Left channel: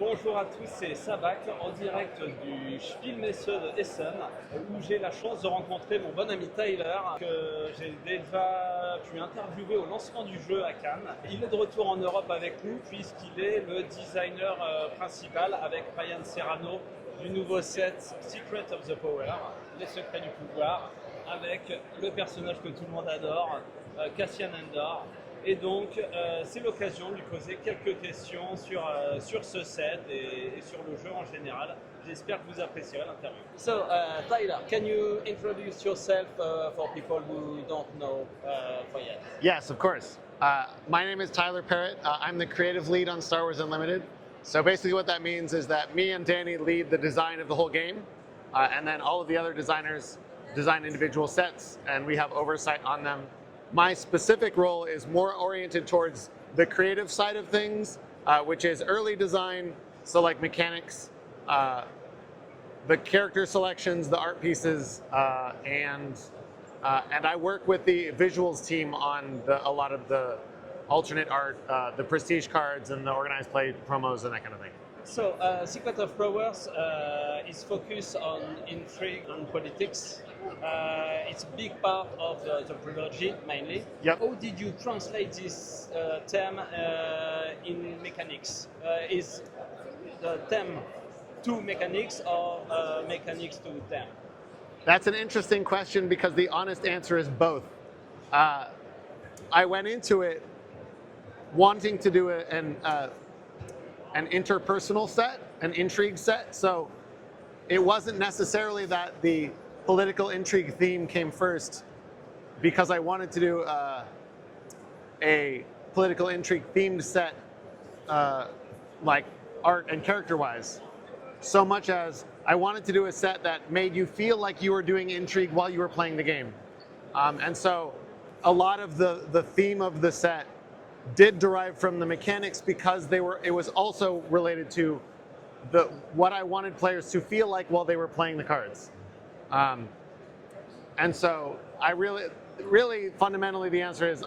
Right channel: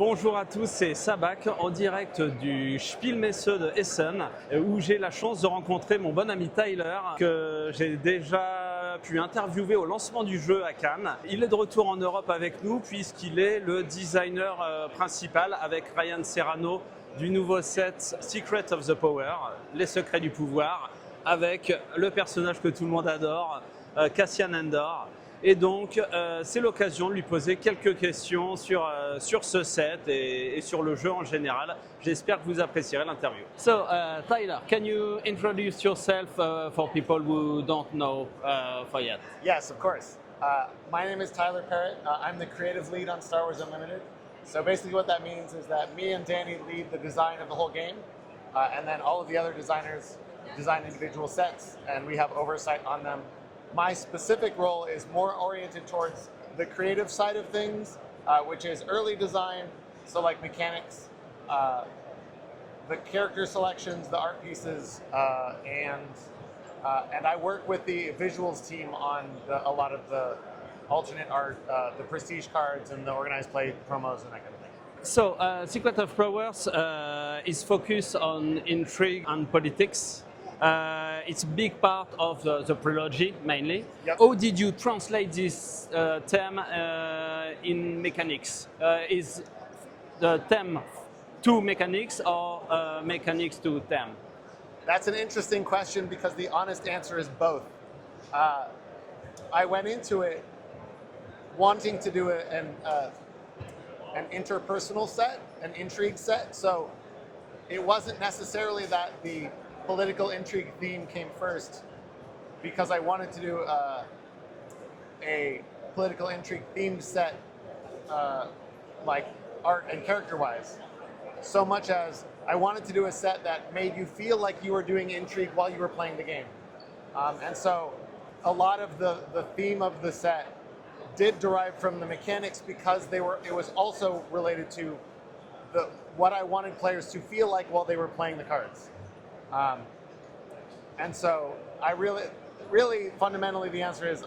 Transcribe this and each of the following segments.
Bonjour à tous, c'est Sabac en direct du Spielmesse de Essen où j'ai la chance de rencontrer mon bon ami Tyler que j'ai déjà pu interviewer au lancement du jeu à Cannes. Il est de retour en Europe avec nous puisqu'il est le designer principal avec Ryan Serrano du nouveau set Secret of the Power, les secrets du pouvoir, avec le personnage que tout le monde adore, Cassian Andor. Et donc, c'est l'occasion de lui poser quelques questions sur ce set et sur le jeu en général. J'espère que vous apprécierez l'interview. So, Tyler, can you introduce yourself for people who don't know for yet? Yes, of course. My name is Tyler Parrot. I'm the creative lead on Star Wars Unlimited. So basically what that means is that me and Danny lead the design of the whole game, and then all of the other designers design individual sets, and we have oversight on them. My specific role is more oriented towards the creative side of things, which is early design, so like mechanics, the character selections, the art pieces, and I work with the visuals team on a lot of the alternate art, the prestige cards and the organized play promos and that kind of thing. So, Secret of Powers is focused on intrigue and politics. It's a big part of the trilogy, mainly. Yep. How did you translate this term in mechanics? Is the term to mechanics or mechanics to term? That's an interesting question because the honest answer is both. I went into it wanting to do an interpersonal set, an intrigue set, so it wasn't necessarily that the political intrigue theme came first because I wanted to do a political intrigue themed set like art and character wise, so much as I wanted to do a set that made you feel like you were doing intrigue while you were playing the game. And so a lot of the theme of the set did derive from the mechanics because it was also related to what I wanted players to feel like while they were playing the cards. And so I really fundamentally the answer is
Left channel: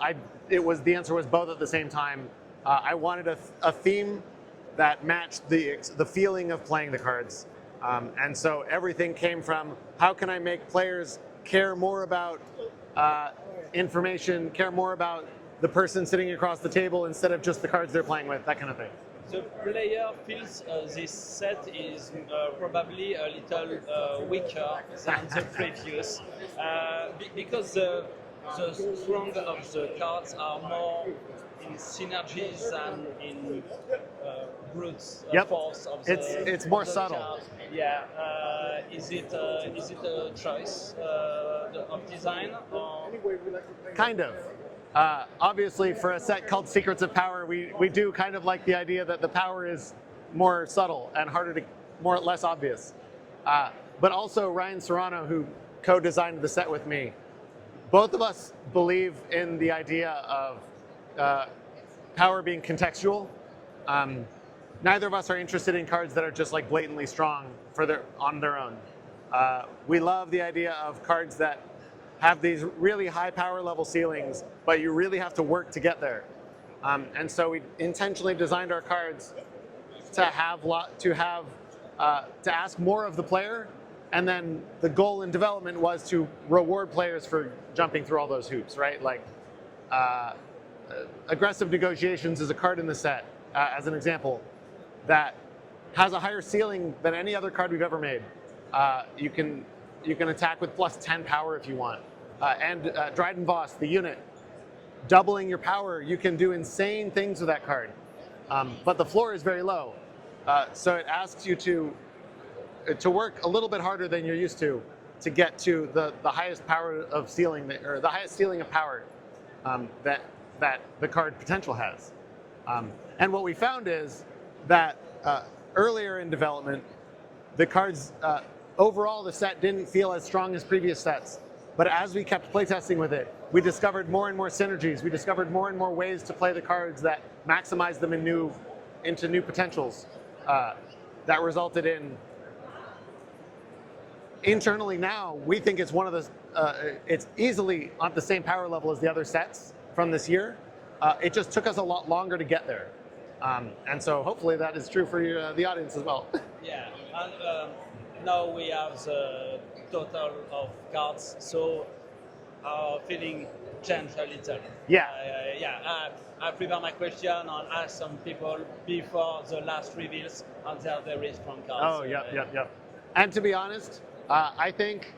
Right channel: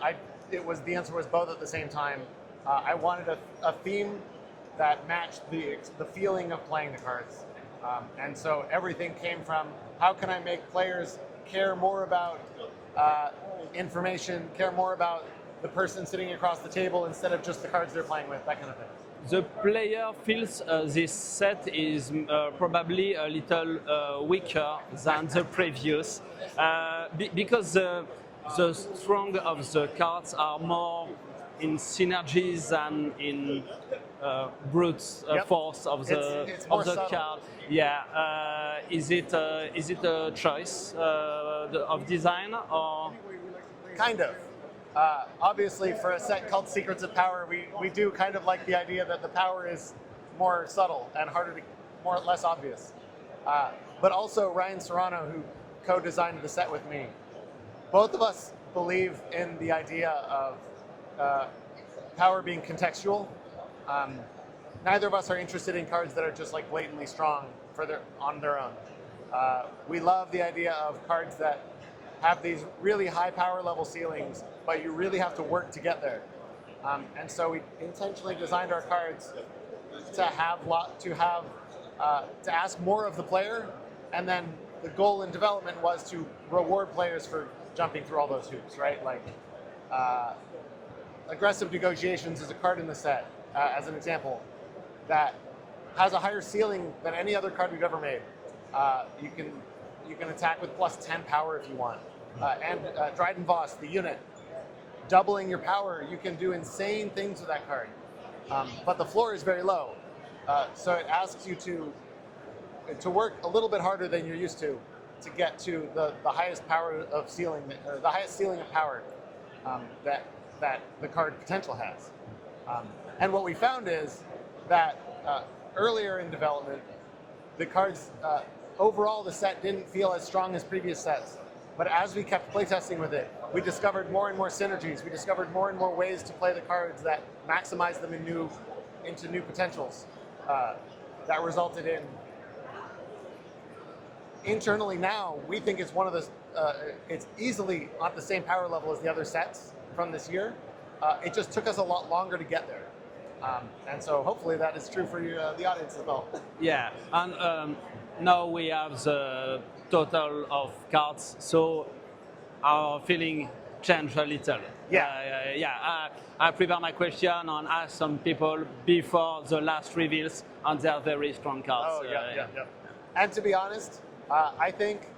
the answer was both at the same time. I wanted a theme that matched the feeling of playing the cards. And so everything came from how can I make players care more about information, care more about the person sitting across the table instead of just the cards they're playing with, that kind of thing. The player feels this set is probably a little weaker than the previous because the strong of the cards are more in synergies than in brute force of the, it's more of the subtle. card. Yeah, is it a choice of design or? Kind of. Obviously, for a set called Secrets of Power, we do kind of like the idea that the power is more subtle and less obvious. But also Ryan Serrano, who co-designed the set with me, both of us believe in the idea of power being contextual. Neither of us are interested in cards that are just like blatantly strong on their own. We love the idea of cards that have these really high power level ceilings, but you really have to work to get there. And so we intentionally designed our cards to ask more of the player, and then the goal in development was to reward players for jumping through all those hoops, right? Like aggressive negotiations is a card in the set, as an example, that has a higher ceiling than any other card we've ever made. You can attack with plus 10 power if you want. And Dryden Voss, the unit, doubling your power, you can do insane things with that card. But the floor is very low. So it asks you to work a little bit harder than you're used to get to the highest power of ceiling, or the highest ceiling of power that the card potential has. And what we found is that earlier in development, the cards, overall the set didn't feel as strong as previous sets. But as we kept playtesting with it, we discovered more and more synergies. We discovered more and more ways to play the cards that maximize them into new potentials. That resulted in, internally now, we think it's one of the, it's easily on the same power level as the other sets from this year. It just took us a lot longer to get there. And so hopefully that is true for the audience as well. Yeah, and now we have the total of cards, so our feeling changed a little. Yeah. I prepare my question and ask some people before the last reveals, and they are very strong cards. Oh, yeah. And to be honest, I think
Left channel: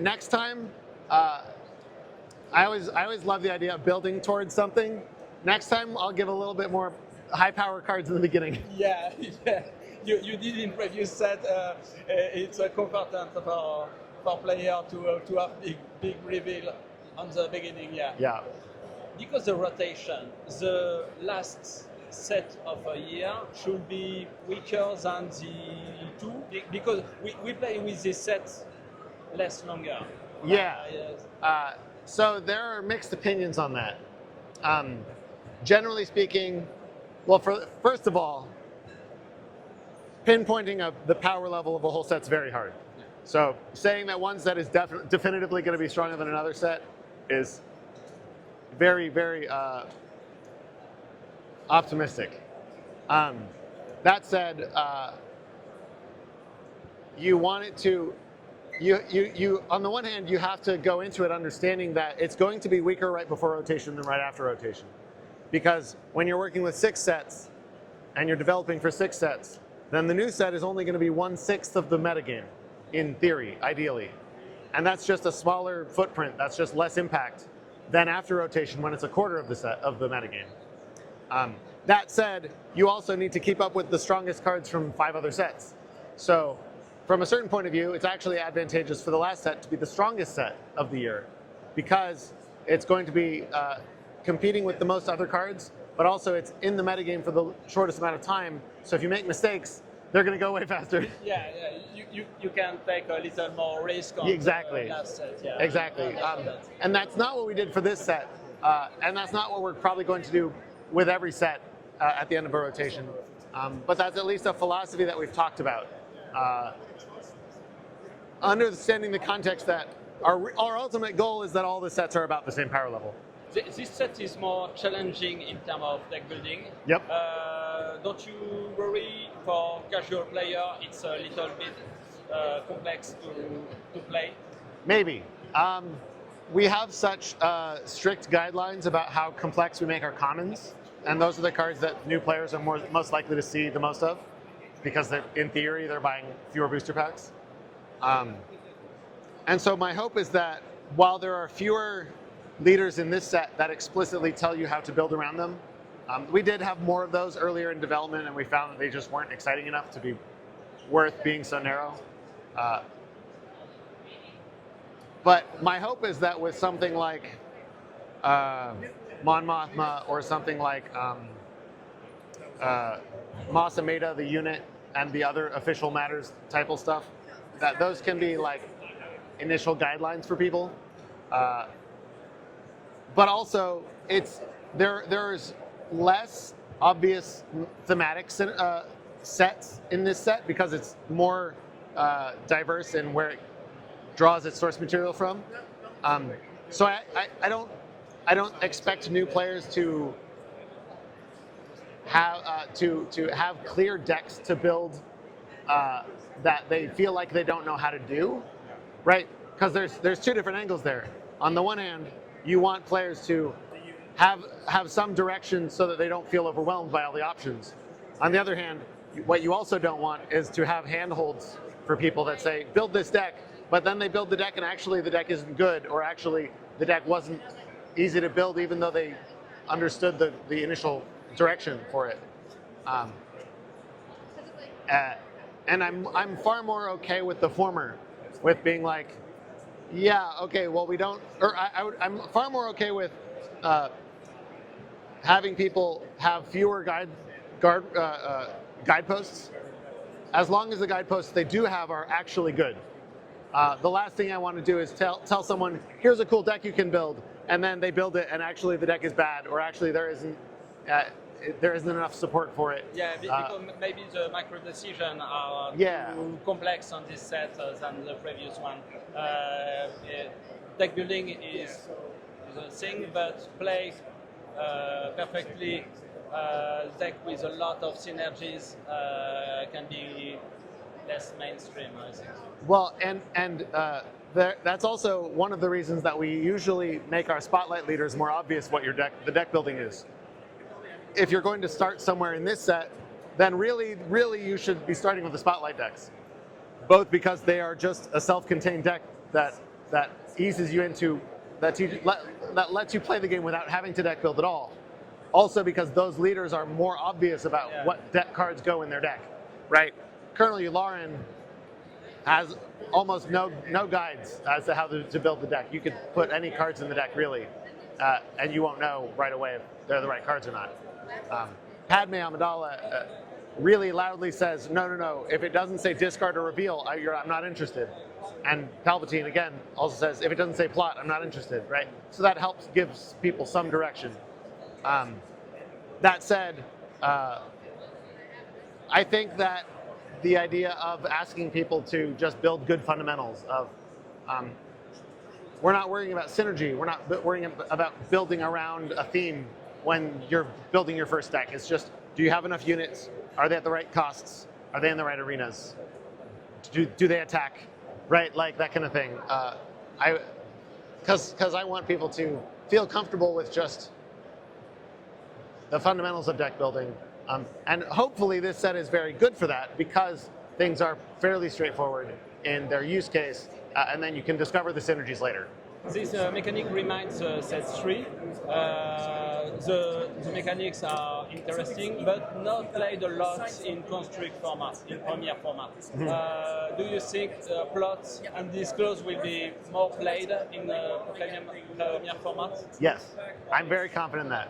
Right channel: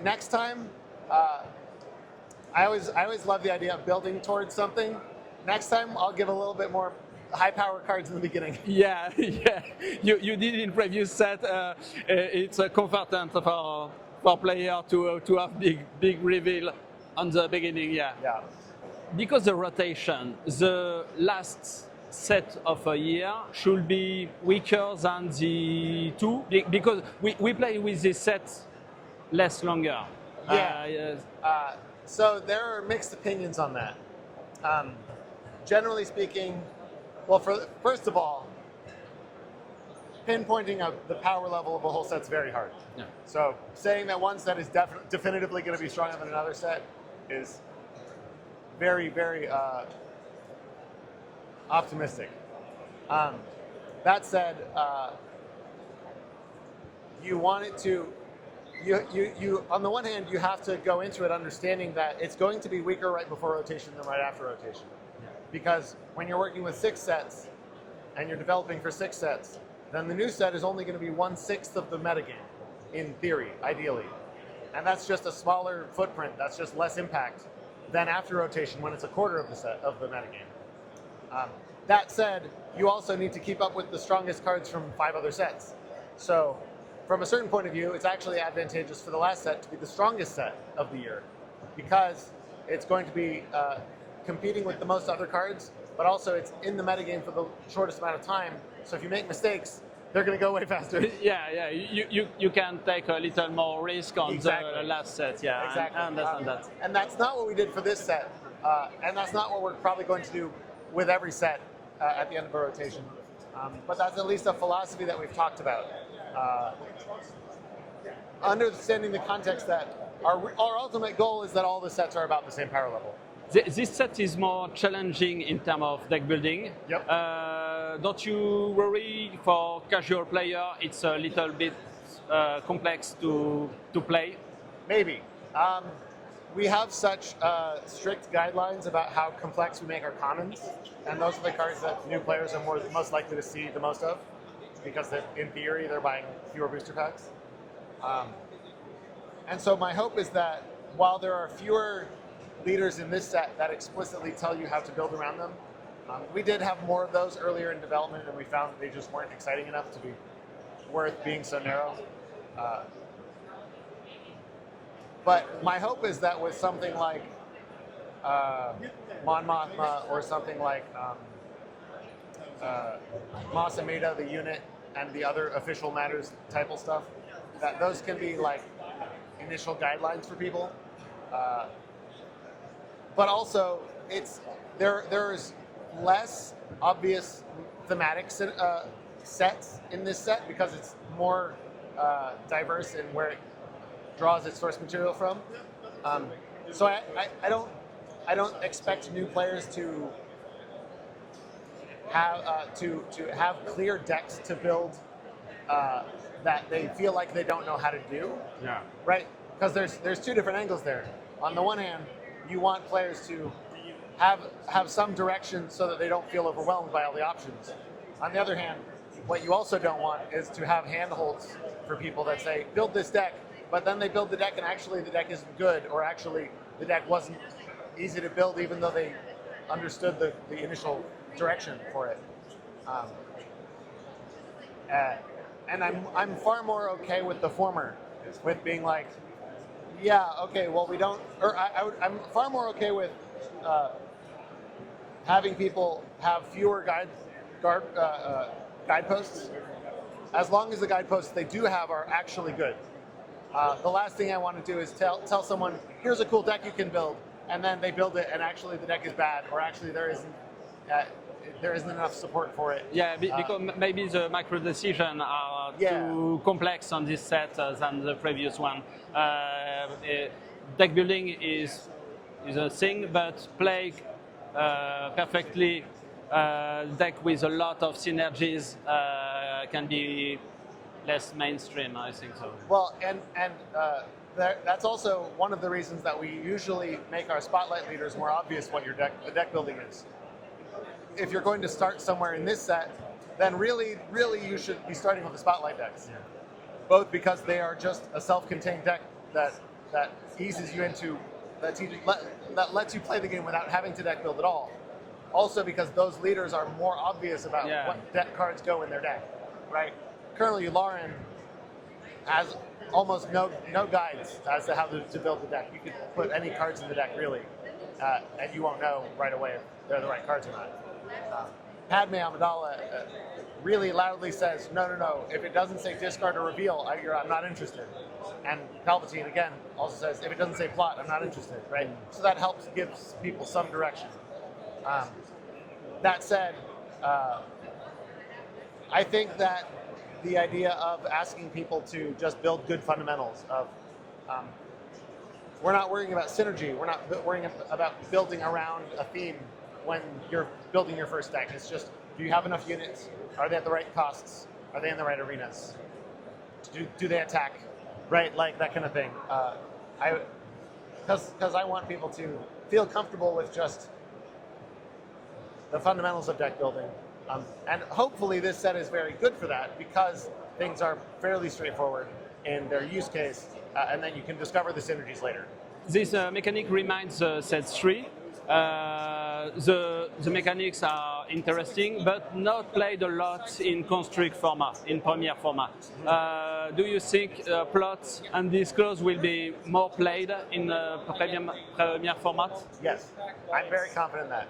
next time, I always love the idea of building towards something. Next time, I'll give a little bit more high power cards in the beginning. Yeah. You did in previous set. It's comfortant for player to have big reveal on the beginning. Yeah. Because the rotation, the last set of a year should be weaker than the two, because we play with this set less longer. So there are mixed opinions on that. Generally speaking, well, first of all, pinpointing the power level of a whole set's very hard. Yeah. So saying that one set is definitively going to be stronger than another set is very, very optimistic. That said, you want it to. You on the one hand, you have to go into it understanding that it's going to be weaker right before rotation than right after rotation. Because when you're working with 6 sets and you're developing for 6 sets, then the new set is only going to be 1/6 of the metagame, in theory, ideally. And that's just a smaller footprint, that's just less impact than after rotation when it's a quarter of the set of the metagame. That said, you also need to keep up with the strongest cards from 5 other sets. So from a certain point of view, it's actually advantageous for the last set to be the strongest set of the year, because it's going to be competing with the most other cards, but also it's in the metagame for the shortest amount of time. So if you make mistakes, they're going to go way faster. Yeah. You can take a little more risk on the last set. Yeah, exactly. I understand that. And that's not what we did for this set, and that's not what we're probably going to do with every set at the end of a rotation. But that's at least a philosophy that we've talked about. Understanding the context that our ultimate goal is that all the sets are about the same power level. This set is more challenging in terms of deck building. Yep. Don't you worry for casual player? It's a little bit complex to play. Maybe. We have such strict guidelines about how complex we make our commons, and those are the cards that new players are most likely to see the most of, because in theory they're buying fewer booster packs. And so my hope is that while there are fewer leaders in this set that explicitly tell you how to build around them, we did have more of those earlier in development, and we found that they just weren't exciting enough to be worth being so narrow. But my hope is that with something like Mon Mothma or something like Masameda, the unit, and the other official matters type of stuff, that those can be like initial guidelines for people. But also, there's less obvious thematic sets in this set because it's more diverse in where it draws its source material from. So I don't expect new players to have clear decks to build that they feel like they don't know how to do. Yeah. Right? Because there's 2 different angles there. On the one hand, you want players to have some direction so that they don't feel overwhelmed by all the options. On the other hand, what you also don't want is to have handholds for people that say, build this deck, but then they build the deck and actually the deck isn't good, or actually the deck wasn't easy to build even though they understood the initial direction for it. And I'm far more okay with the former, with being like, yeah, okay, well we don't, or I'm far more okay with having people have fewer guideposts, as long as the guideposts they do have are actually good. The last thing I want to do is tell someone, here's a cool deck you can build, and then they build it and actually the deck is bad, or actually there isn't enough support for it. Yeah, because maybe the macro decisions are too complex on this set than the previous one. Deck building is a thing, but play perfectly deck with a lot of synergies can be less mainstream, I think so. Well, that's also one of the reasons that we usually make our spotlight leaders more obvious what the deck building is. If you're going to start somewhere in this set, then really you should be starting with the spotlight decks. Both because they are just a self-contained deck that eases you into, that lets you play the game without having to deck build at all. Also because those leaders are more obvious about what deck cards go in their deck, right? Currently, Lauren has almost no guides as to how to build the deck. You could put any cards in the deck, really, and you won't know right away if they're the right cards or not. Padme Amidala really loudly says, no, if it doesn't say discard or reveal, I'm not interested. And Palpatine, again, also says, if it doesn't say plot, I'm not interested, right? So that gives people some direction. That said, I think that the idea of asking people to just build good fundamentals of, we're not worrying about synergy, we're not worrying about building around a theme when you're building your first deck. It's just, do you have enough units? Are they at the right costs? Are they in the right arenas? Do they attack? Right, like that kind of thing. Because I want people to feel comfortable with just the fundamentals of deck building. And hopefully this set is very good for that because things are fairly straightforward in their use case, and then you can discover the synergies later. This mechanic reminds set 3. The mechanics are interesting, but not played a lot in construct format, in Premiere format. Do you think plot and disclose will be more played in Premiere format? Yes, I'm very confident in that.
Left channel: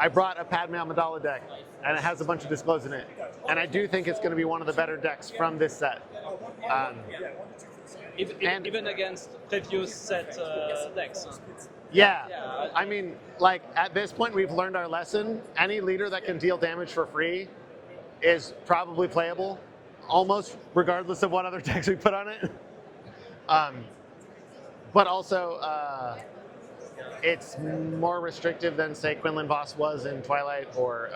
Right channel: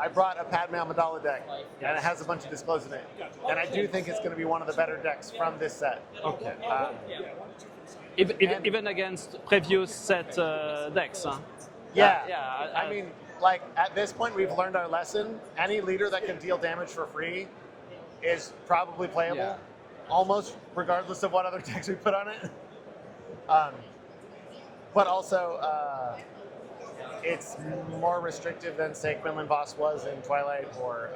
I brought a Padme Amidala deck, and it has a bunch of disclose in it, and I do think it's going to be one of the better decks from this set. Okay. Even against previous set decks. Huh? Yeah, I mean, like at this point we've learned our lesson. Any leader that can deal damage for free is probably playable, almost regardless of what other decks we put on it. But also, it's more restrictive than, say, Quinlan Voss was in Twilight, or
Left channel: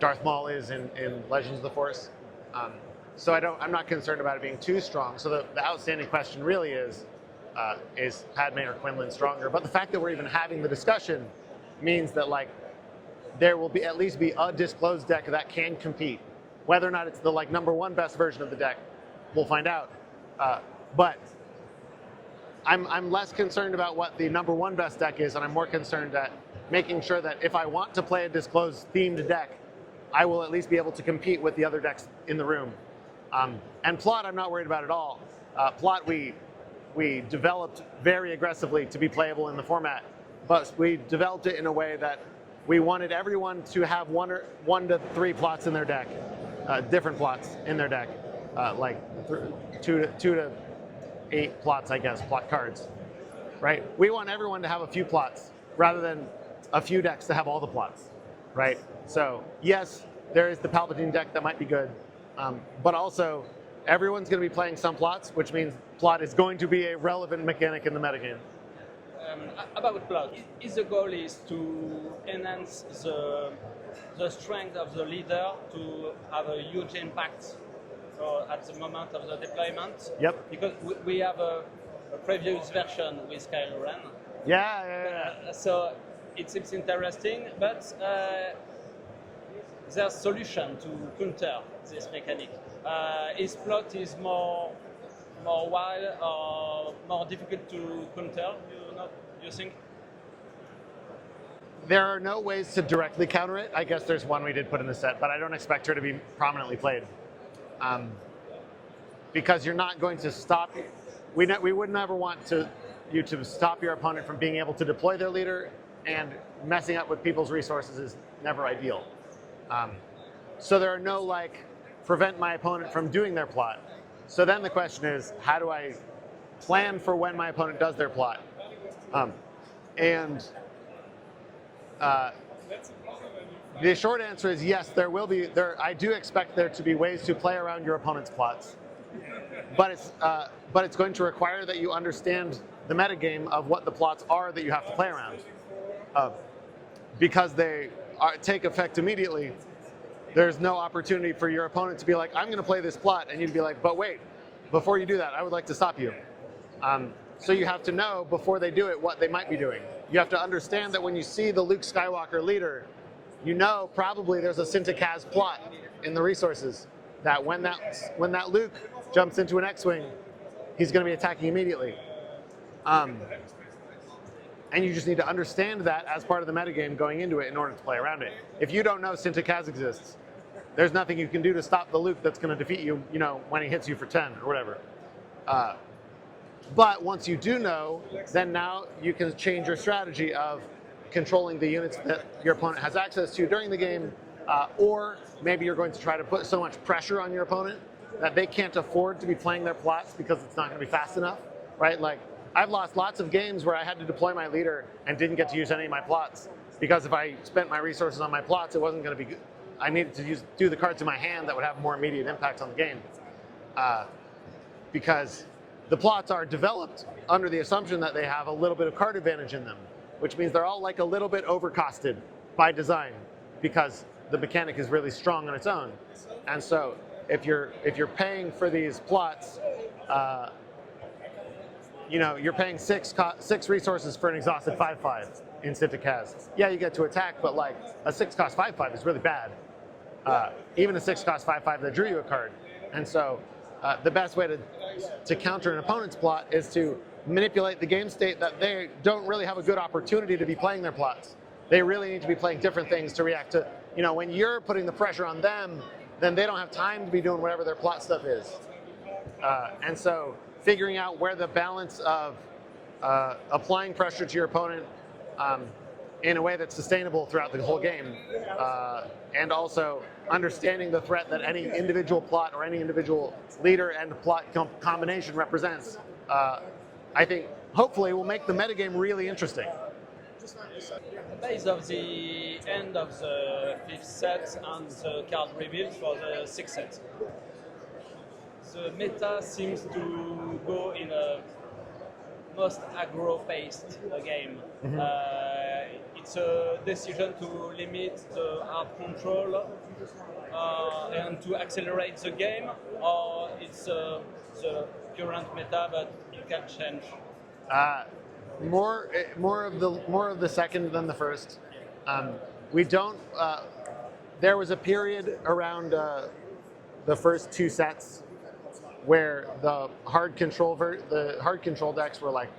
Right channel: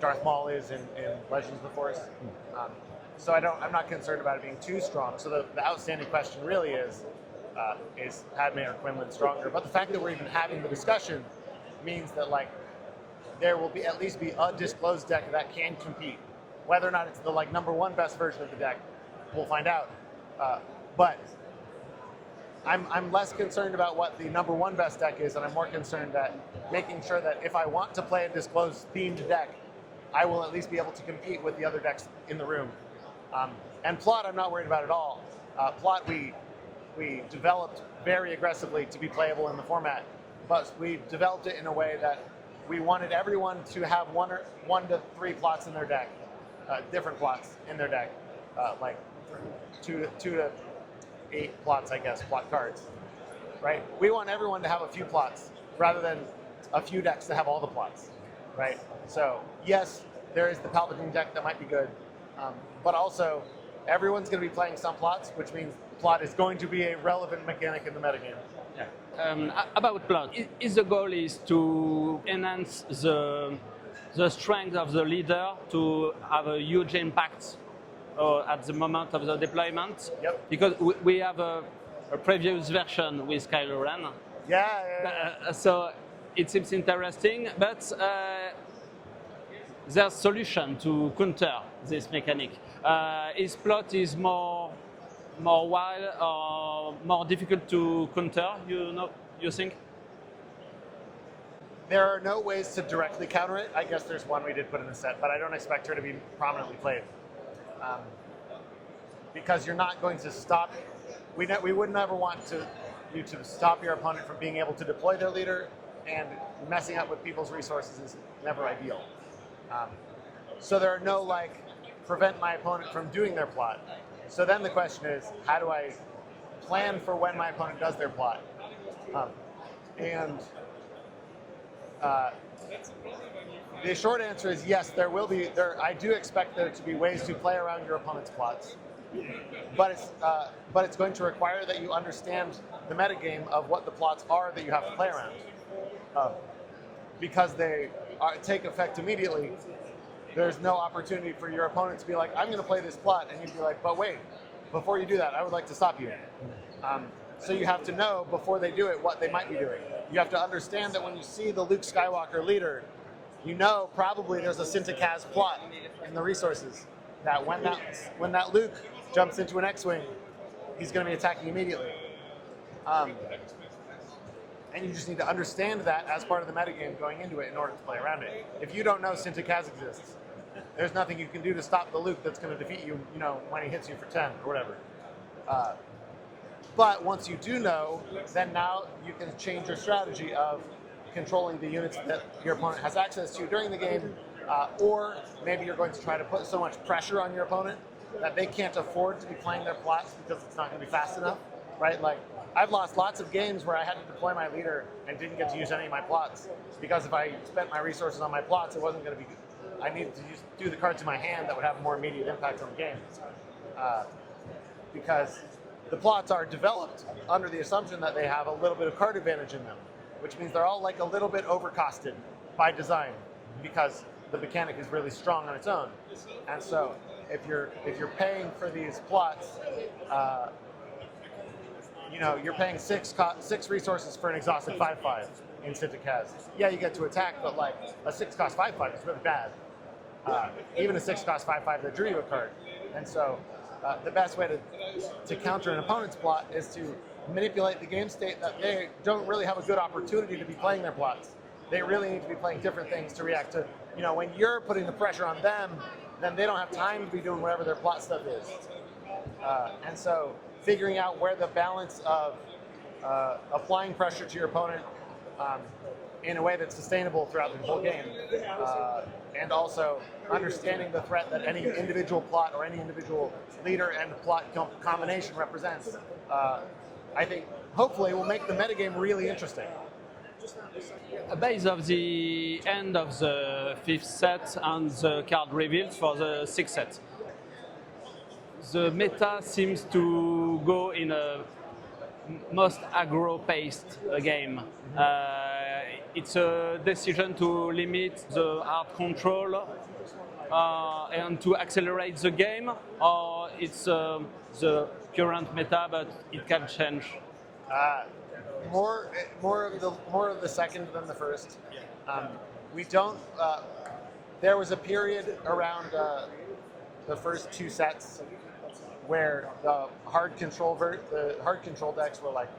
Darth Maul is in Legends of the Force. So I'm not concerned about it being too strong. So the outstanding question really is Padme or Quinlan stronger? But the fact that we're even having the discussion means that there will at least be a disclosed deck that can compete. Whether or not it's the #1 best version of the deck, we'll find out. But I'm less concerned about what the #1 best deck is, and I'm more concerned at making sure that if I want to play a disclosed themed deck, I will at least be able to compete with the other decks in the room. And plot, I'm not worried about at all. Plot, we developed very aggressively to be playable in the format, but we developed it in a way that we wanted everyone to have one to three plots in their deck, different plots in their deck, like two to 8 plots, I guess, plot cards, right? We want everyone to have a few plots rather than a few decks to have all the plots, right? So yes, there is the Palpatine deck that might be good, but also everyone's going to be playing some plots, which means plot is going to be a relevant mechanic in the metagame. About plot, is the goal is to enhance the strength of the leader to have a huge impact at the moment of the deployment? Yep. Because we have a previous version with Kylo Ren. Yeah. So it seems interesting, but there's a solution to counter this mechanic. His plot is more wild or more difficult to counter, you think? There are no ways to directly counter it. I guess there's one we did put in the set, but I don't expect her to be prominently played. Because you're not going to stop. We would never want you to stop your opponent from being able to deploy their leader, and messing up with people's resources is never ideal. So there are no prevent my opponent from doing their plot. So then the question is, how do I plan for when my opponent does their plot? The short answer is yes, there will be. I do expect there to be ways to play around your opponent's plots, but it's going to require that you understand the metagame of what the plots are that you have to play around. because they take effect immediately, there's no opportunity for your opponent to be like, I'm going to play this plot, and you'd be like, but wait, before you do that, I would like to stop you. So you have to know before they do it what they might be doing. You have to understand that when you see the Luke Skywalker leader, you know probably there's a Syntax plot in the resources that when that Luke jumps into an X-Wing, he's going to be attacking immediately. And you just need to understand that as part of the metagame going into it in order to play around it. If you don't know Syntax exists, there's nothing you can do to stop the Luke that's going to defeat you, you know, when he hits you for 10 or whatever. But once you do know, then now you can change your strategy of controlling the units that your opponent has access to during the game, or maybe you're going to try to put so much pressure on your opponent that they can't afford to be playing their plots because it's not going to be fast enough, right? Like, I've lost lots of games where I had to deploy my leader and didn't get to use any of my plots, because if I spent my resources on my plots, it wasn't going to be good. I needed to do the cards in my hand that would have more immediate impact on the game, because the plots are developed under the assumption that they have a little bit of card advantage in them, which means they're all like a little bit overcosted by design because the mechanic is really strong on its own. And so if you're paying for these plots, you know, you're paying six resources for an exhausted 5/5 in Syntax. Yeah, you get to attack, but like a 6 cost 5/5 is really bad. Even a 6 cost 5/5 that drew you a card. And so the best way to counter an opponent's plot is to manipulate the game state that they don't really have a good opportunity to be playing their plots. They really need to be playing different things to react to, you know, when you're putting the pressure on them, then they don't have time to be doing whatever their plot stuff is. And so figuring out where the balance of applying pressure to your opponent in a way that's sustainable throughout the whole game, and also understanding the threat that any individual plot or any individual leader and plot combination represents, I think hopefully will make the metagame really interesting. Based on the end of the 5th set and the card reveals for the 6th set, the meta seems to go in a most aggro-paced game. It's a decision to limit the hard control and to accelerate the game, or it's the current meta, but it can change. More of the second than the first. We don't. There was a period around the first 2 sets where the hard control decks were like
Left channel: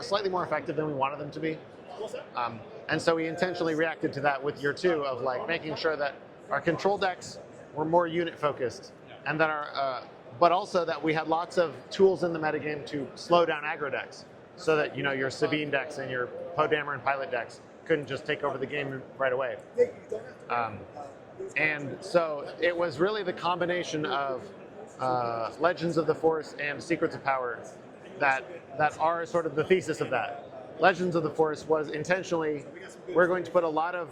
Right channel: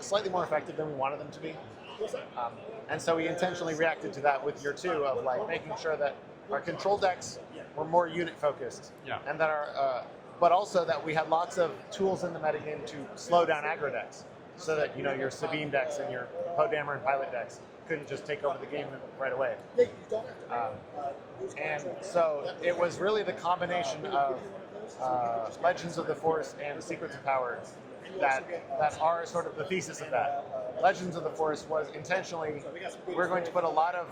slightly more effective than we wanted them to be, and so we intentionally reacted to that with year 2 of like making sure that our control decks were more unit focused, and that but also that we had lots of tools in the metagame to slow down aggro decks, so that, you know, your Sabine decks and your Poe-Dameron and Pilot decks couldn't just take over the game right away. And so it was really the combination of Legends of the Force and Secrets of Power that are sort of the thesis of that. Legends of the Force was intentionally, we're going to put a lot of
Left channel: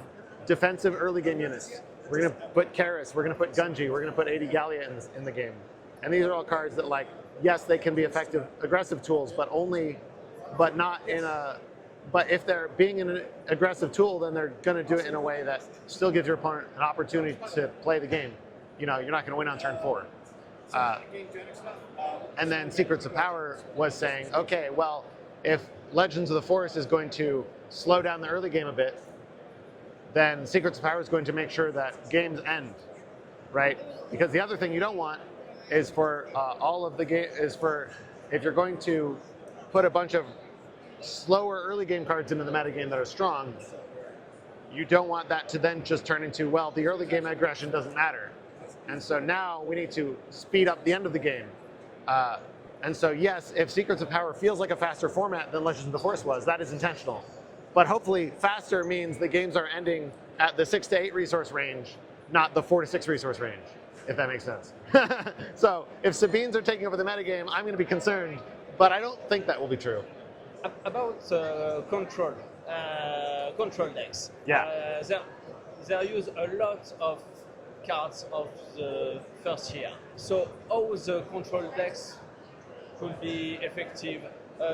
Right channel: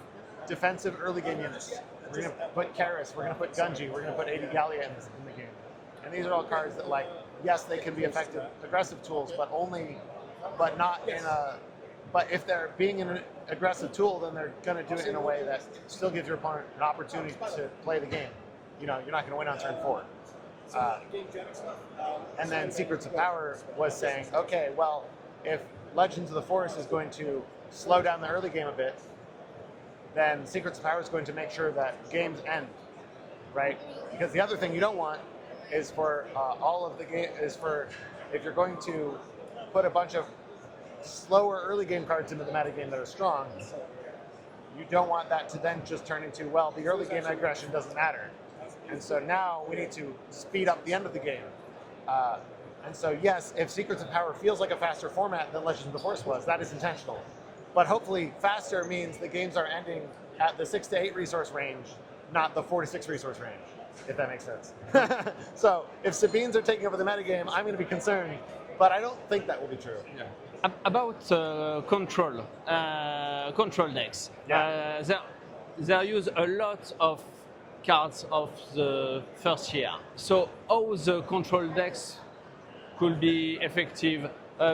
defensive early game units. We're going to put Karis, we're going to put Gunji, we're going to put 80 Gallia in the game. And these are all cards that, like, yes, they can be effective aggressive tools, but not in a, but if they're being an aggressive tool, then they're going to do it in a way that still gives your opponent an opportunity to play the game. You know, you're not going to win on turn 4. And then Secrets of Power was saying, okay, well, if Legends of the Force is going to slow down the early game a bit, then Secrets of Power is going to make sure that games end, right? Because the other thing you don't want is for if you're going to put a bunch of slower early game cards into the metagame that are strong, you don't want that to then just turn into, well, the early game aggression doesn't matter. And so now we need to speed up the end of the game. And so yes, if Secrets of Power feels like a faster format than Legends of the Force was, that is intentional. But hopefully faster means the games are ending at the 6 to 8 resource range, not the 4 to 6 resource range, if that makes sense. So if Sabines are taking over the metagame, I'm going to be concerned, but I don't think that will be true. Yeah. About control decks, they use a lot of cards of the first year. So how the control decks could be effective?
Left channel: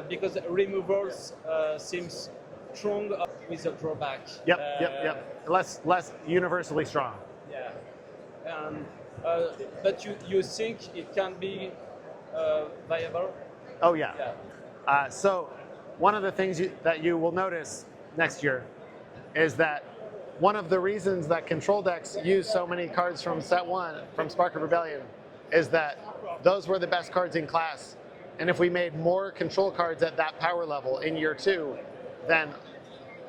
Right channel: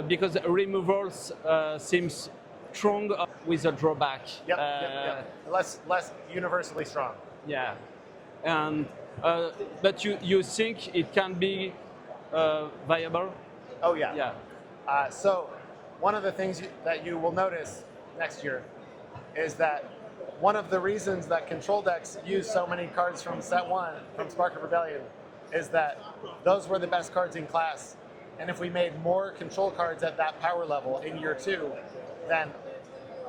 Because removals seems strong with a drawback. Yep. Less universally strong. Yeah, and but you think it can be viable? Oh yeah. Yeah. So one of the things that you will notice next year is that one of the reasons that control decks use so many cards from set 1, from Spark of Rebellion, is that those were the best cards in class. And if we made more control cards at that power level in year 2, then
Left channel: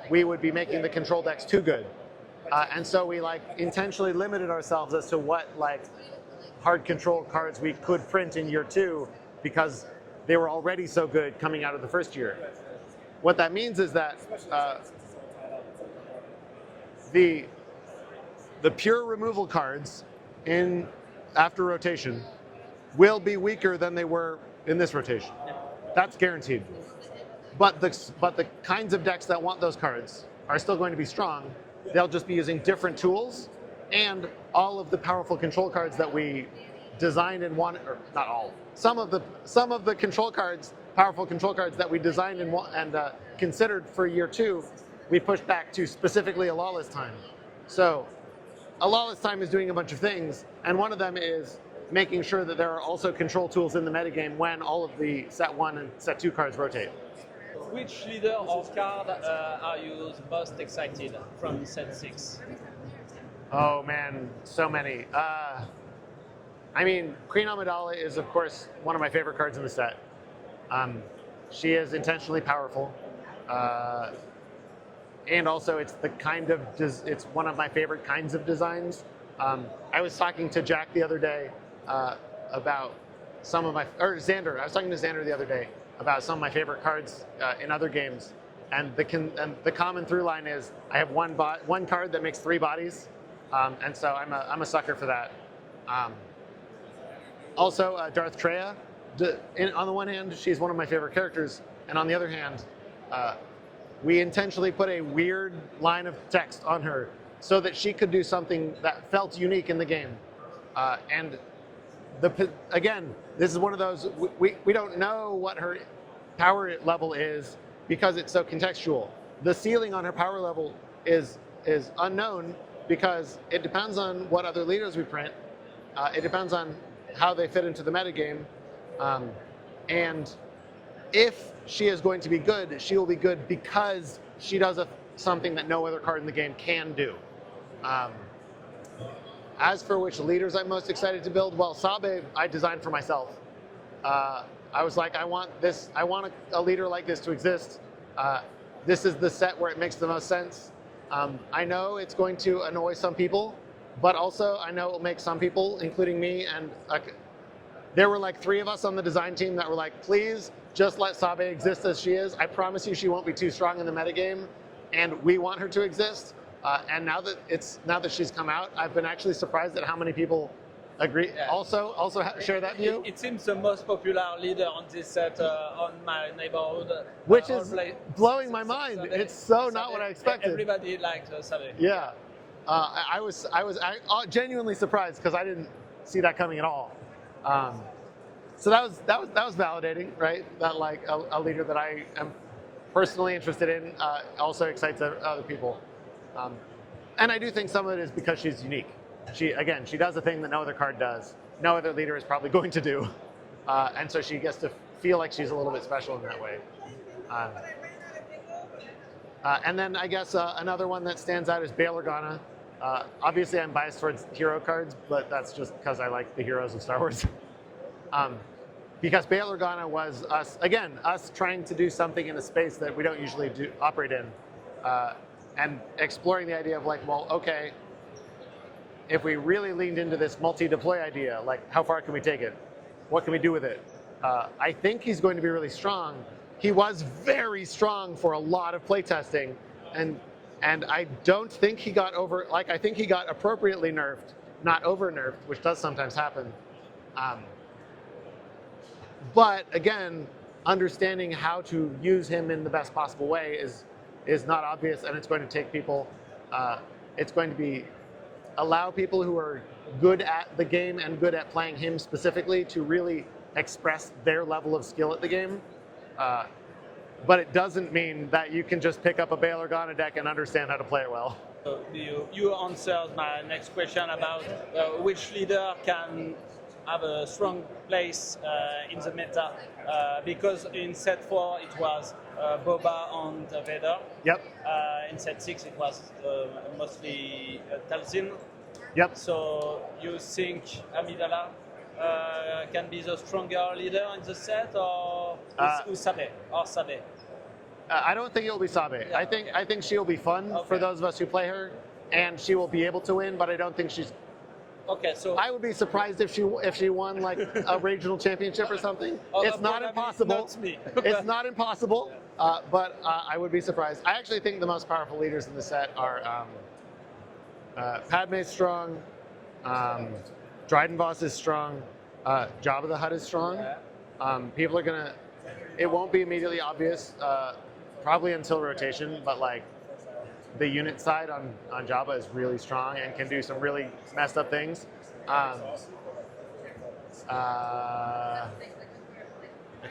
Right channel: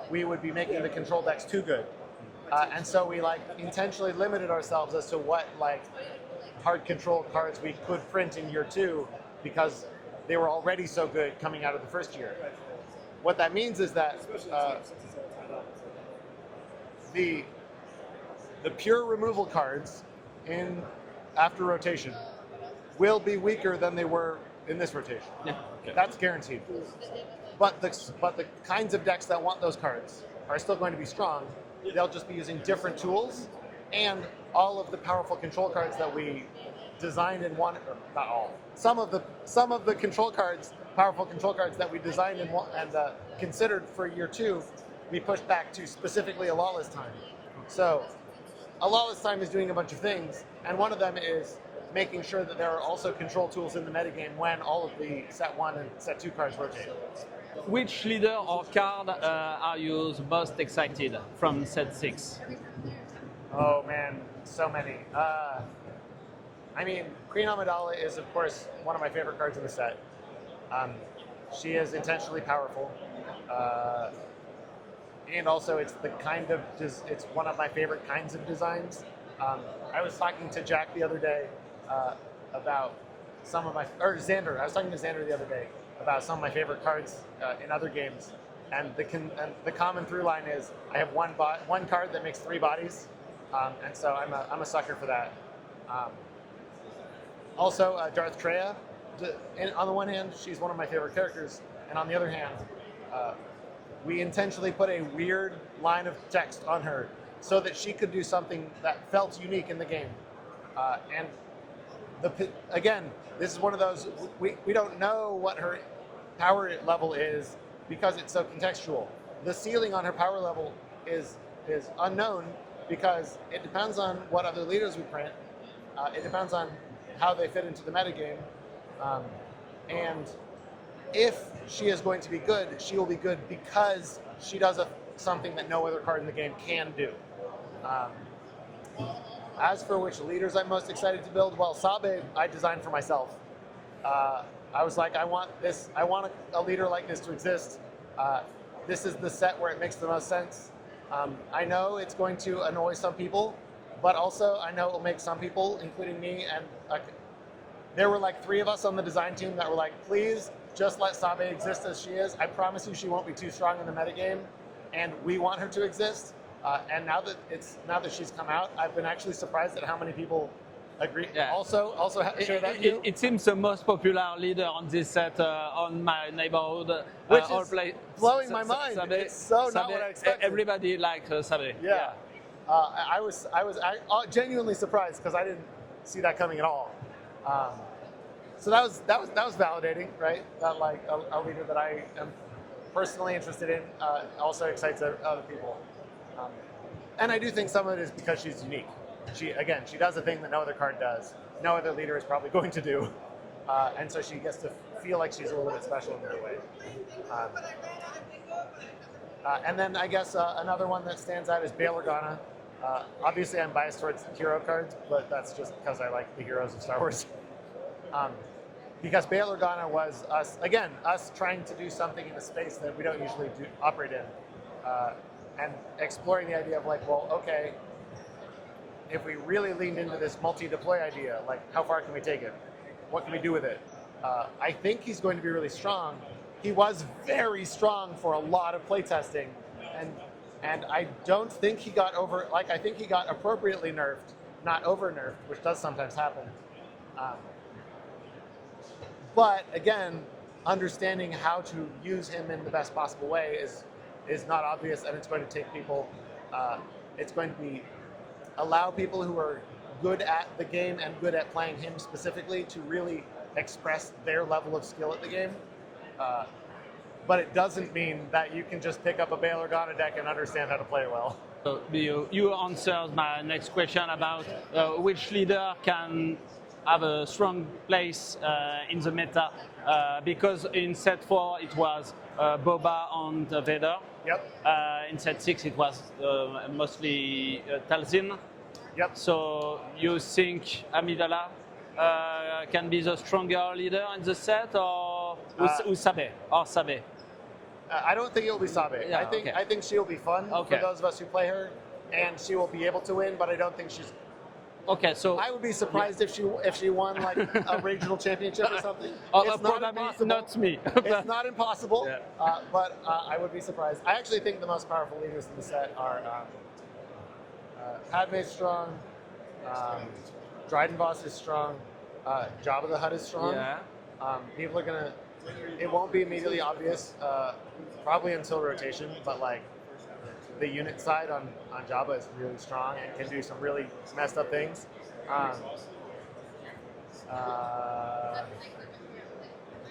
we would be making the control decks too good. And so we intentionally limited ourselves as to what hard control cards we could print in year 2, because they were already so good coming out of the first year. What that means is that the pure removal cards after rotation will be weaker than they were in this rotation. Yeah. That's guaranteed. But the kinds of decks that want those cards are still going to be strong. They'll just be using different tools, and all of the powerful control cards that we designed in one, or not all, some of the control cards, powerful control cards that we designed and considered for year 2, we pushed back to specifically a lawless time. So a lawless time is doing a bunch of things, and one of them is making sure that there are also control tools in the metagame when all of the set 1 and set 2 cards rotate. Which leader or card are you the most excited from set 6? Oh man, so many. I mean, Queen Amidala is of course one of my favorite cards in the set. She is intentionally powerful, and also it's it's one of my favorite kinds of designs. I was talking to Jack the other day about Xander. I was talking to Xander the other day about some of my favorite cards in other games, and the common through line is I have one card that makes 3 bodies, and so I'm a sucker for that. Also, Darth Tyranus. On the one hand, she's one of my favorite characters, and on the other hand, we intentionally put a weird line of text on her so that she could do something that felt unique in the game. And again, this is one of those, we don't know what her power level is because it's so contextual. The ceiling on her power level is unknown because it depends on what other leaders we print. It depends on how they fit into the metagame. And if she is going to be good, she will be good because she does something that no other card in the game can do. As for which leaders I'm most excited to build, well, Sabe I designed for myself. I was like, I want a leader like this to exist. This is the set where it makes the most sense. I know it's going to annoy some people, but also I know it will make some people, including me, and there were 3 of us on the design team that were like, please just let Sabe exist as she is. I promise you she won't be too strong in the metagame, and we want her to exist. And now that she's come out, I've been actually surprised at how many people agree. Yeah. Also share that view. It seems the most popular leader on this set on my neighborhood. Which is blowing my mind. Sabe, it's so Sabe, not what I expected. Everybody likes Sabe. Yeah. I was genuinely surprised because I didn't see that coming at all. So that was validating, right? That a leader that I am personally interested in also excites other people. And I do think some of it is because she's unique. She does a thing that no other card does. No other leader is probably going to do. And so she gets to feel like she's a little bit special in that way. And then I guess another one that stands out is Bail Organa. Obviously I'm biased towards hero cards, but that's just because I like the heroes of Star Wars. Because Bail Organa was us trying to do something in a space that we don't usually operate in. And exploring the idea of well, okay, if we really leaned into this multi-deploy idea, how far can we take it? What can we do with it? I think he's going to be really strong. He was very strong for a lot of playtesting, and I don't think he got I think he got appropriately nerfed, not over nerfed, which does sometimes happen. But again, understanding how to use him in the best possible way is not obvious, and it's going to take people, it's going to allow people who are good at the game and good at playing him specifically to really express their level of skill at the game. but it doesn't mean that you can just pick up a Bail Organa deck and understand how to play it well. You answered my next question about which leader can have a strong place in the meta, because in set 4 it was Boba and Vader. Yep. In set 6 it was mostly Talzin. Yep. So you think Amidala can be the stronger leader in the set, or Sabe? I don't think it will be Sabe. Yeah, I think she will be fun for those of us who play her, and she will be able to win. But I don't think she's. Okay, so I would be surprised if she won like a regional championship or something. It's not impossible. Not me. It's not impossible. Yeah. But I would be surprised. I actually think the most powerful leaders in the set are Padme's strong, Dryden Voss is strong, Jabba the Hutt is strong. Yeah. People are gonna. It won't be immediately obvious, probably until rotation, but like the unit side on Jabba is really strong and can do some really messed up things. I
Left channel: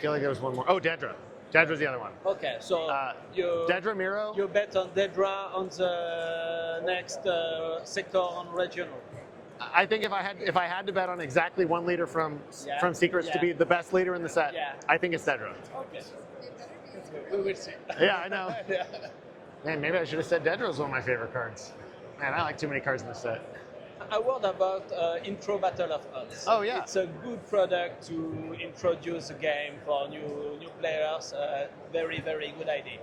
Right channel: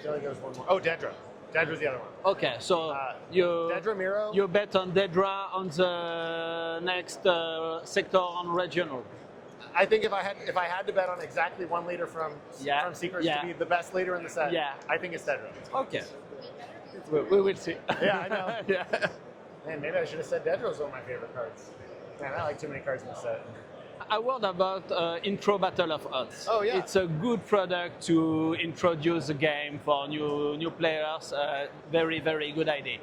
feel like there was one more. Oh, Dedra. Dedra's the other one. Okay, so Dedra Miro. you bet on Dedra on the next sector on regional. I think if I had to bet on exactly one leader from Secrets to be the best leader in the set, I think it's Dedra. Okay. We will see. Yeah, I know. Yeah. Man, maybe I should have said Dedra was one of my favorite cards. Man, I like too many cards in the set. A word about Intro Battle of Odds. Oh, yeah. It's a good product to introduce the game for new players. Very, very good idea.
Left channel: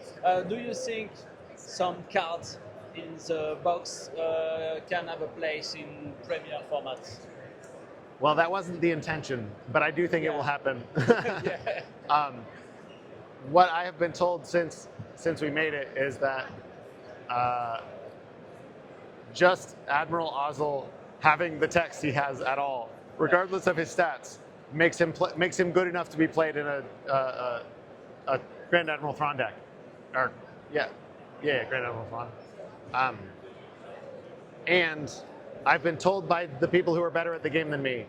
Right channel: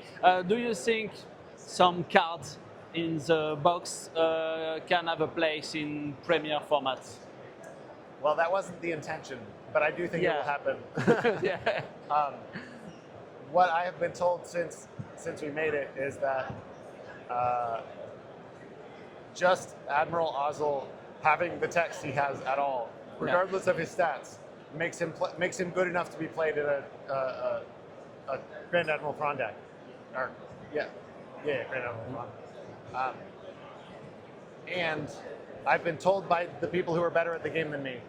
Do you think some cards in the box can have a place in Premier formats? Well, that wasn't the intention, but I do think it will happen. What I have been told since we made it is that just Admiral Ozzel having the text he has at all, regardless of his stats, makes him good enough to be played in a Grand Admiral Thrawn deck. Or Grand Admiral Thrawn. And I've been told by the people who are better at the game than me,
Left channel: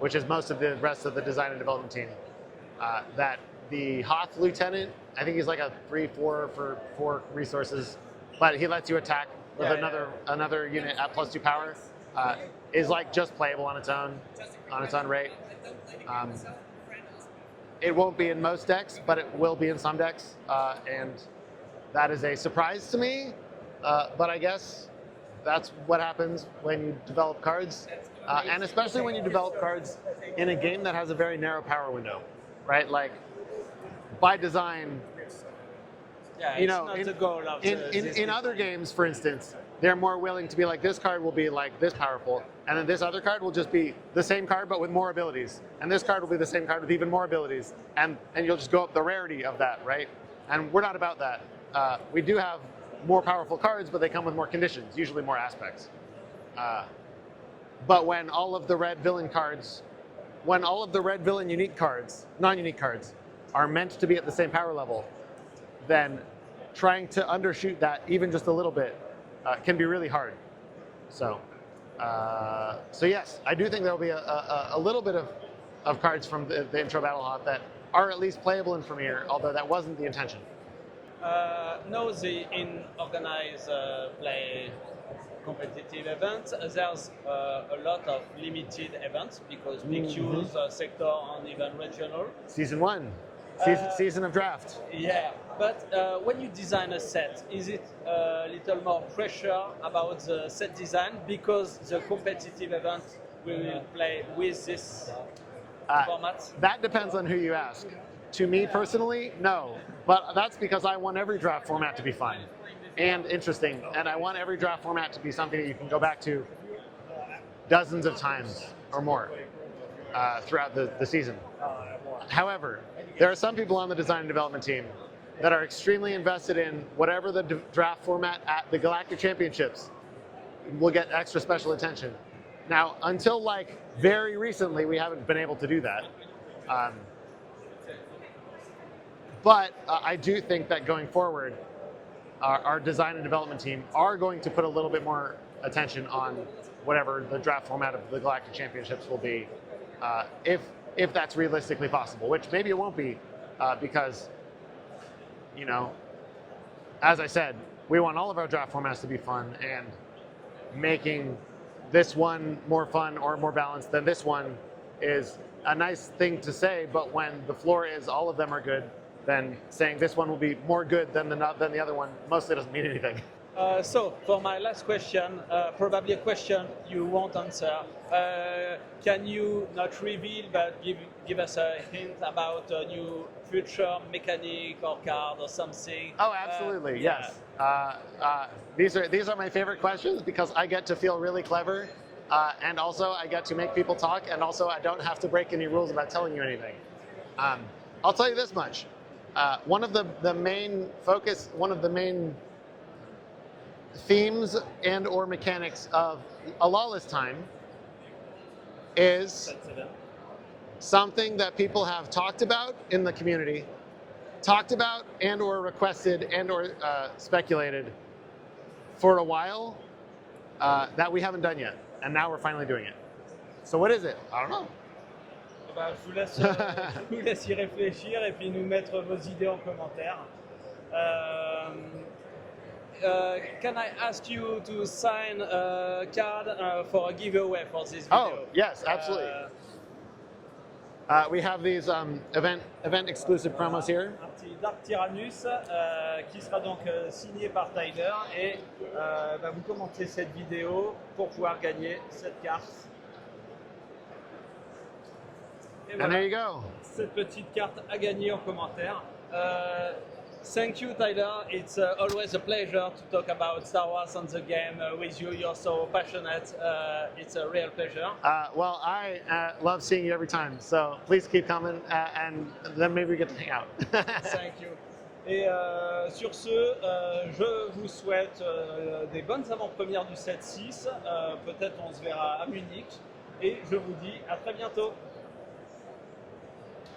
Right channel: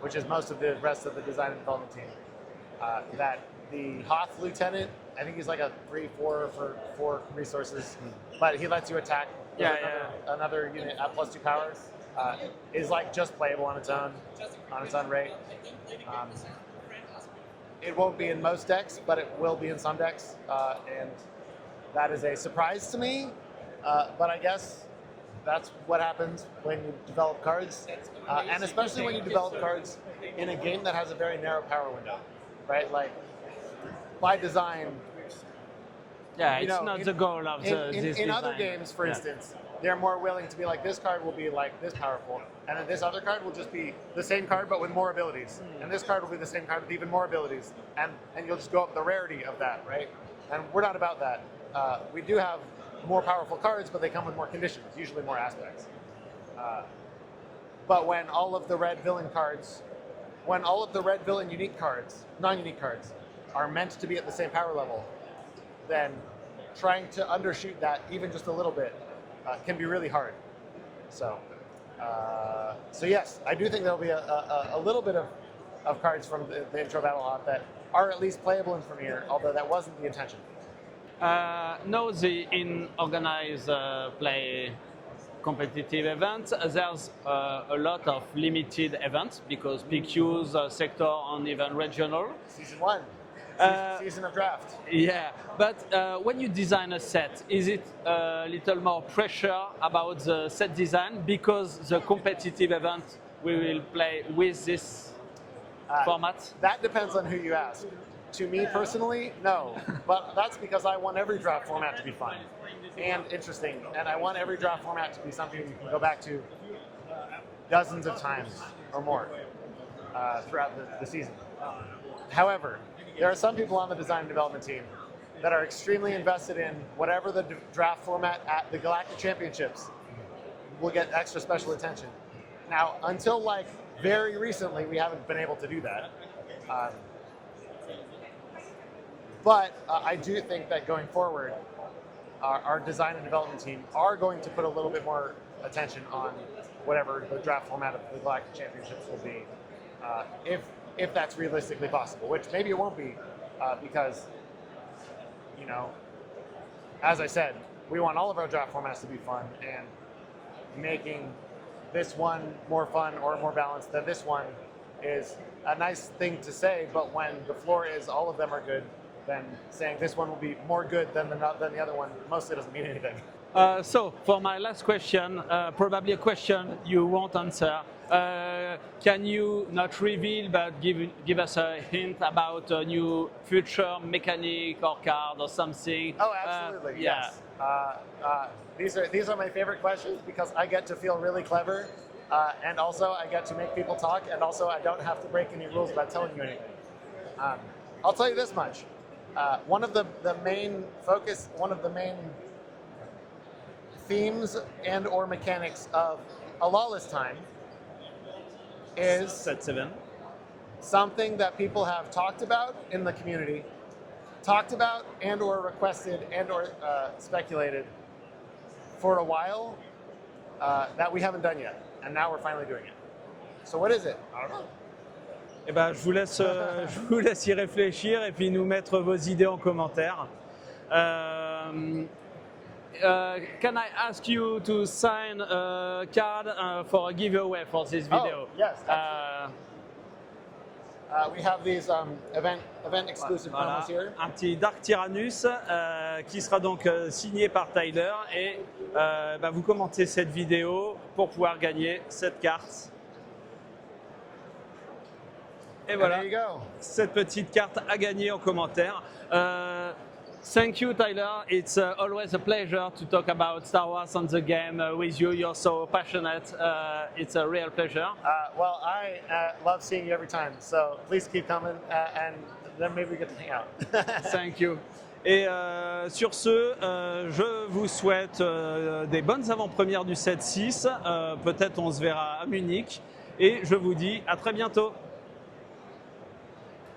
which is most of the rest of the design and development team, that the Hoth Lieutenant, I think he's like a 3/4 for 4 resources, but he lets you attack with another unit at +2 power, is like just playable on its own rate. It won't be in most decks, but it will be in some decks, and that is a surprise to me. But I guess that's what happens when you develop cards, and especially when you develop cards in a game that has a very narrow power window, right? Like by design. Yeah, it's not the goal of in other games, for instance, they're more willing to be like, this card will be like this powerful, and then this other card will just be the same card but with more abilities, and this card will be the same card with even more abilities, and you'll just go up the rarity of that, right? And we're not about that. We do have more powerful cards, but they come with more conditions, usually more aspects. But when all of the red villain cards, unique cards, non-unique cards, are meant to be at the same power level, then trying to undershoot that even just a little bit can be really hard. So yes, I do think there'll be a little bit of cards from the intro battle lot that are at least playable in Premiere, although that wasn't the intention. Now the in organized play competitive events, there's a lot of limited events because PQs, sector, and even regional. Season 1, season of draft. Yeah, but when you design a set, is it a little more pressure about the set design because the competitive event we will play with this format? That depends on who you ask. To me personally, no. But that's because I want every draft format to be fun and interesting, and I want every draft format to be something that you can go back to dozens of times or more throughout the season. However, there are some people on the design and development team that are extremely invested in whatever the draft format at the Galactic Championships will get extra special attention. Now, until like very recently, we haven't been able to do that. But I do think that going forward, our design and development team are going to put a little bit more attention on whatever the draft format of the Galactic Championships will be, if that's realistically possible, which maybe it won't be, because you know, as I said, we want all of our draft formats to be fun, and making this one more fun or more balanced than this one is a nice thing to say, but when the floor is all of them are good, then saying this one will be more good than the other one mostly doesn't mean anything. So, for my last question, probably a question you won't answer. Can you not reveal, but give us a hint about a new future mechanic or card or something? Oh, absolutely, yeah. Yes. These are my favorite questions because I get to feel really clever, and also I get to make people talk, and also I don't have to break any rules about telling you anything. I'll tell you this much. One of the main themes and or mechanics of a lawless time is something that people have talked about in the community, talked about and or requested and or speculated for a while that we haven't done yet, and now we're finally doing it. So what is it? I don't know. Eh ben, je vous laisse y réfléchir et puis nous mettre vos idées en commentaire. Can I ask you to sign a card for a giveaway for this video? Oh, yes, absolutely. We have these event exclusive promos here. Un petit Darth Tyranus qui sera donc signé par Tyler, et vous commentez cette vidéo pour pouvoir gagner cette carte. Et voilà, there you go. Cette petite carte à gagner en commentaire. Thank you, Tyler. It's always a pleasure to talk about Star Wars on the game with you. You're so passionate. It's a real pleasure. Well, I love seeing you every time, so please keep coming, and then maybe we get to hang out. Thank you. Et sur ce, je vous souhaite des bonnes avant-premières du 7-6. Peut-être on se verra à Munich. Et je vous dis à très bientôt.